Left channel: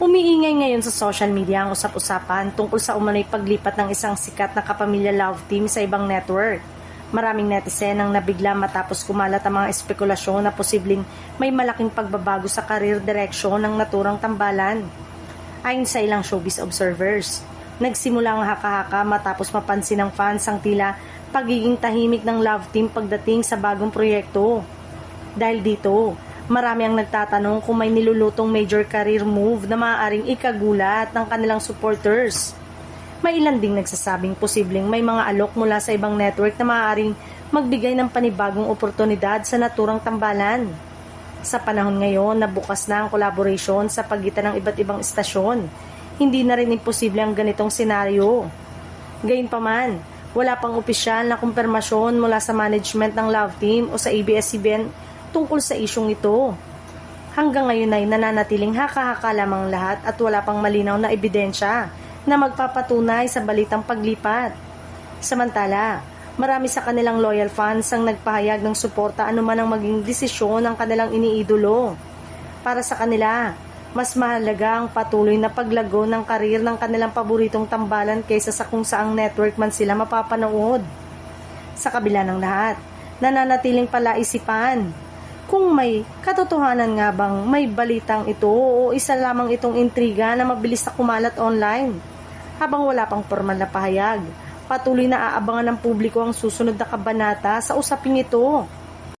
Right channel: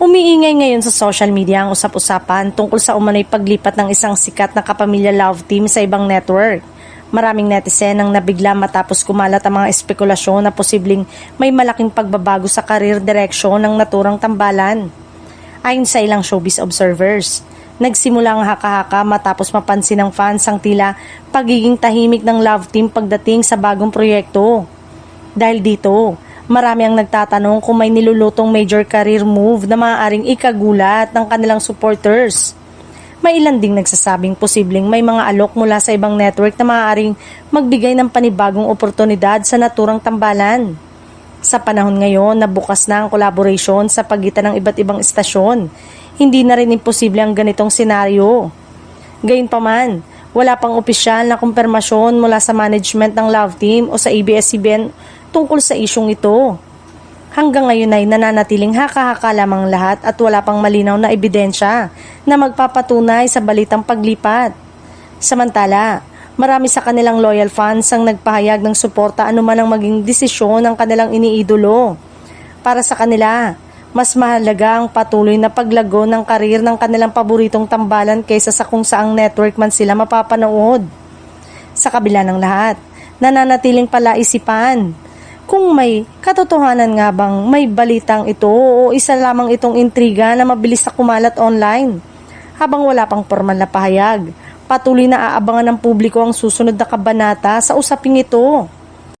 Umiingay ngayon sa social media ang usap-usapan tungkol sa umano'y paglipat ng isang sikat na kapamilya love team sa ibang network. Maraming netizen ang nabigla matapos kumalat ang mga espekulasyon na posibleng may malaking pagbabago sa career direction ng naturang tambalan. Ayon sa ilang showbiz observers, nagsimula ang haka-haka matapos mapansin ng fans ang tila pagiging tahimik ng love team pagdating sa bagong proyekto. Dahil dito, marami ang nagtatanong kung may nilulutong major career move na maaaring ikagulat ng kanilang supporters. May ilan ding nagsasabing posibleng may mga alok mula sa ibang network na maaaring magbigay ng panibagong oportunidad sa naturang tambalan. Sa panahon ngayon na bukas na ang collaboration sa pagitan ng iba't ibang istasyon, hindi na rin imposible ang ganitong senaryo. Gayunpaman, wala pang opisyal na kumpirmasyon mula sa management ng love team o sa ABS-CBN tungkol sa isyong ito. Hanggang ngayon ay nananatiling haka-haka lamang lahat at wala pang malinaw na ebidensya na magpapatunay sa balitang paglipat. Samantala, marami sa kanilang loyal fans ang nagpahayag ng suporta anuman ang maging desisyon ng kanilang iniidolo. Para sa kanila, mas mahalaga ang patuloy na paglago ng karir ng kanilang paboritong tambalan kaysa sa kung saang network man sila mapapanood. Sa kabila ng lahat, nananatiling palaisipan kung may katotohanan nga bang may balitang ito o isa lamang itong intriga na mabilis na kumalat online. Habang wala pang formal na pahayag, patuloy na aabangan ng publiko ang susunod na kabanata sa usaping ito.